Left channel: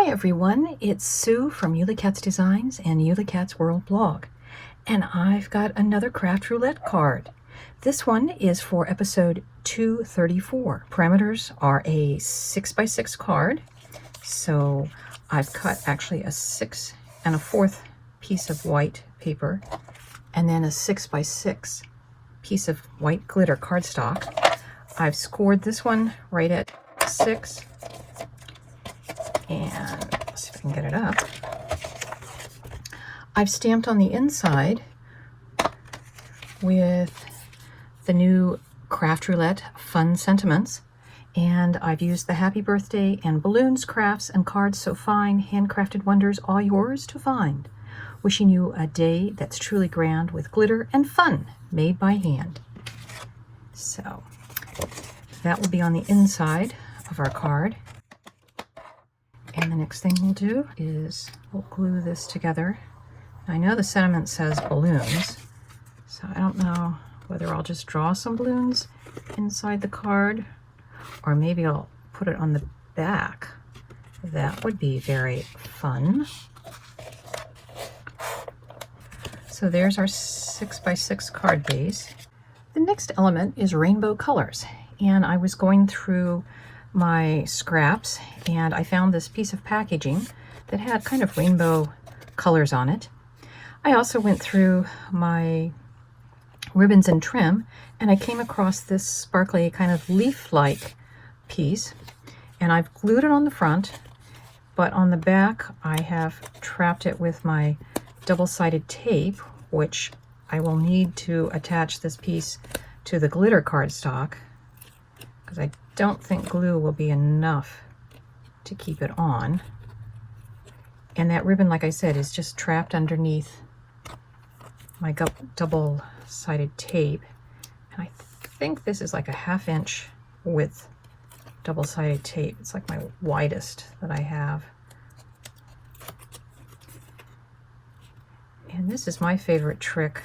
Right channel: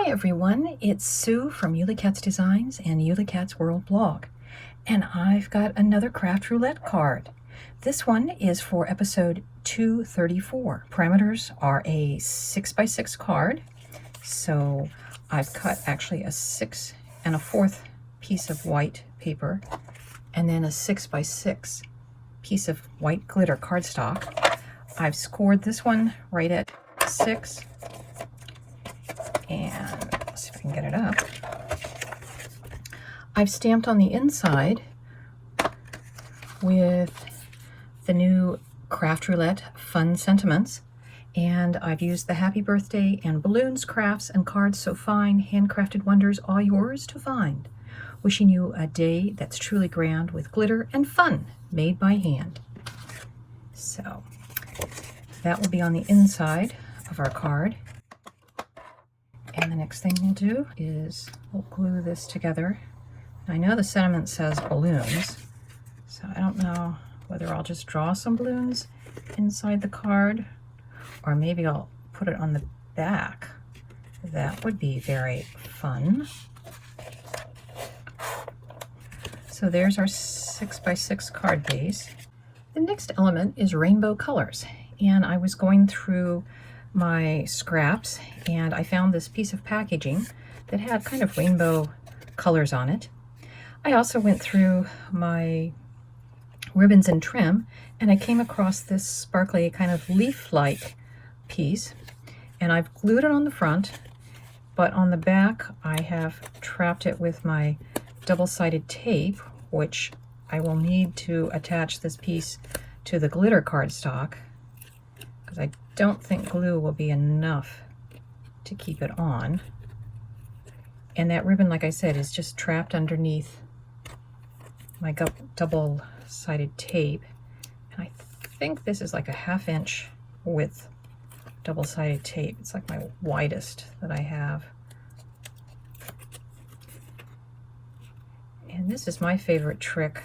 Hi everyone, it's Sue from Ully Cats Designs and Ully Cats World blog, and I've got another craft roulette card. This one is for episode 234. Parameters are a 6x6 card, so I've cut actually a 6 1/4 piece of white paper and then a 6x6 piece of white glitter cardstock. I've scored this one right at 6. And let's see if I can get it up. I've stamped on the inside with the new Craft Roulette Fun Sentiments, and I've used the Happy Birthday and balloons, crafts, and cards so fine, handcrafted wonders, all yours to find. Wishing you a day that's truly grand with glitter and fun made by hand. So that will be on the inside of our card. And the next thing we'll do is we'll glue this together. I know the sentiment says balloons, so I don't know whether I'll just draw some balloons inside the card or maybe I'll put it on the back. That would be very fun. So there's our 6x6 card base. The next element is rainbow colors, and I was going through my scraps and I found this piece of packaging that had kind of rainbow colors on it. I also went through my ribbons and trim and I came across this sparkly kind of leaf-like piece, and I've glued it on the front, but on the back I have trapped it with my double-sided tape, which I will need to attach this piece to the glitter cardstock because I don't think glue will be enough to keep it on. And that ribbon, like I said, is just trapped underneath my double-sided tape. And I think this is like a 1/2 inch width double-sided tape. It's like my widest that I have. And this is my favorite trick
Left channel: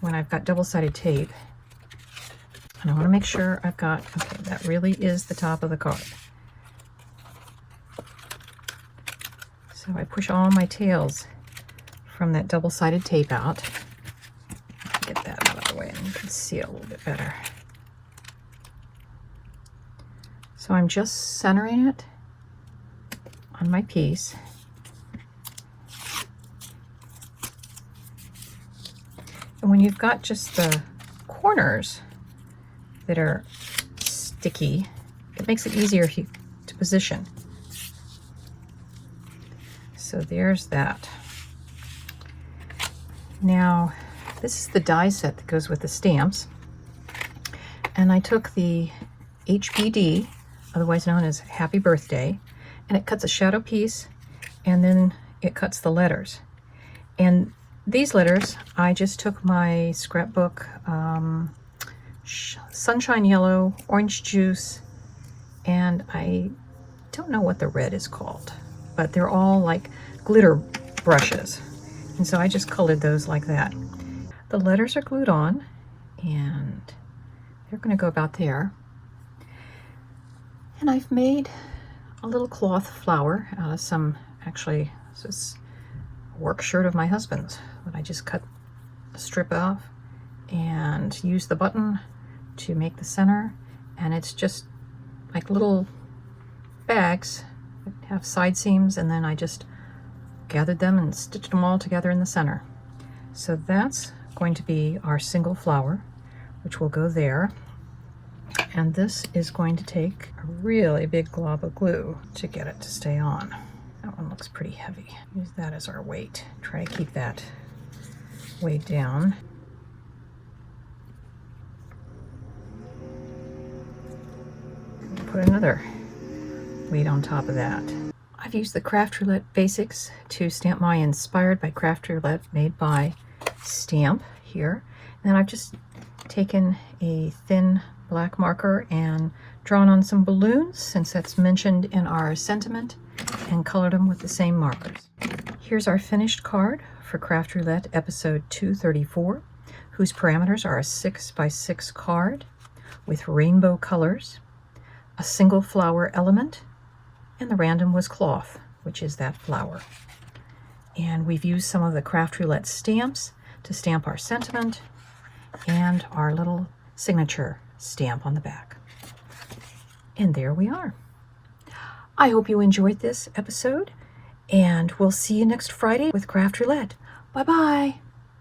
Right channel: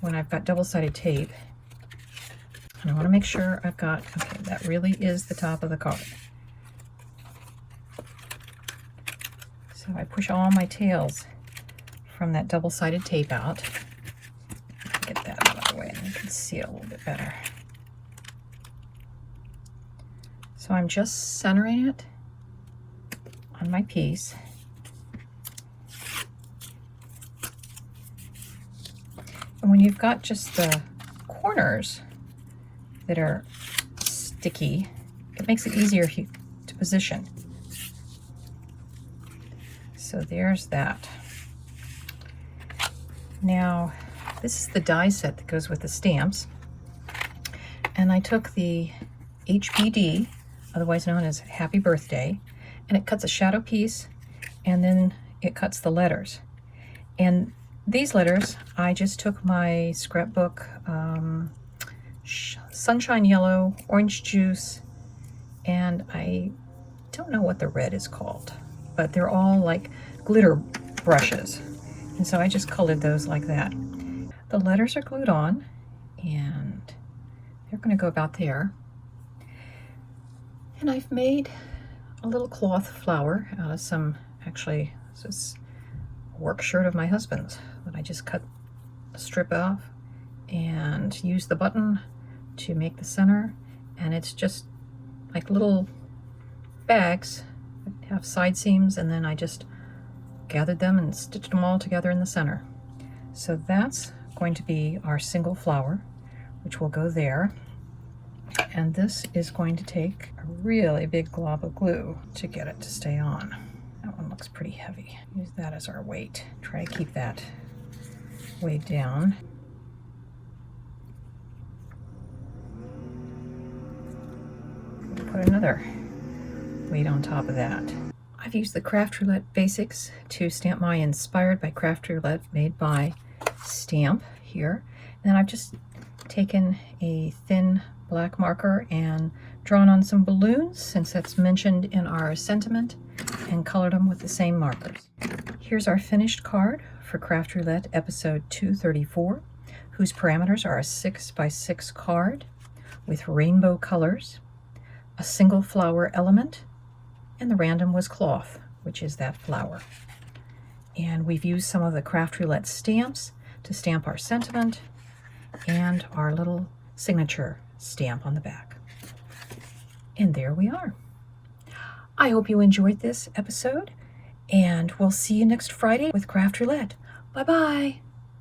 when I've got double-sided tape. And I want to make sure I've got, okay, that really is the top of the card. So I push all my tails from that double-sided tape out. Get that out of the way and you can see it a little bit better. So I'm just centering it on my piece. And when you've got just the corners that are sticky, it makes it easier to position. So there's that. Now, this is the die set that goes with the stamps. And I took the HBD, otherwise known as Happy Birthday, and it cuts a shadow piece, and then it cuts the letters. And these letters, I just took my scrapbook, Sunshine Yellow, Orange Juice, and I don't know what the red is called, but they're all like glitter brushes. And so I just colored those like that. The letters are glued on, and they're going to go about there. And I've made a little cloth flower out of some, actually, this is a work shirt of my husband's that I just cut a strip of and used the button to make the center. And it's just like little bags that have side seams, and then I just gathered them and stitched them all together in the center. So that's going to be our single flower, which will go there. And this is going to take a really big glob of glue to get it to stay on. That one looks pretty heavy. Use that as our weight. Try to keep that weighed down. And put another weight on top of that. I've used the Craft Roulette Basics to stamp my Inspired by Craft Roulette Made by stamp here. And I've just taken a thin black marker and drawn on some balloons, since that's mentioned in our sentiment, and colored them with the same markers. Here's our finished card for Craft Roulette episode 234, whose parameters are a 6x6 card with rainbow colors, a single flower element, and the random was cloth. which is that flower. And we've used some of the Craft Roulette stamps to stamp our sentiment and our little signature stamp on the back. And there we are. I hope you enjoyed this episode, and we'll see you next Friday with Craft Roulette. Bye-bye.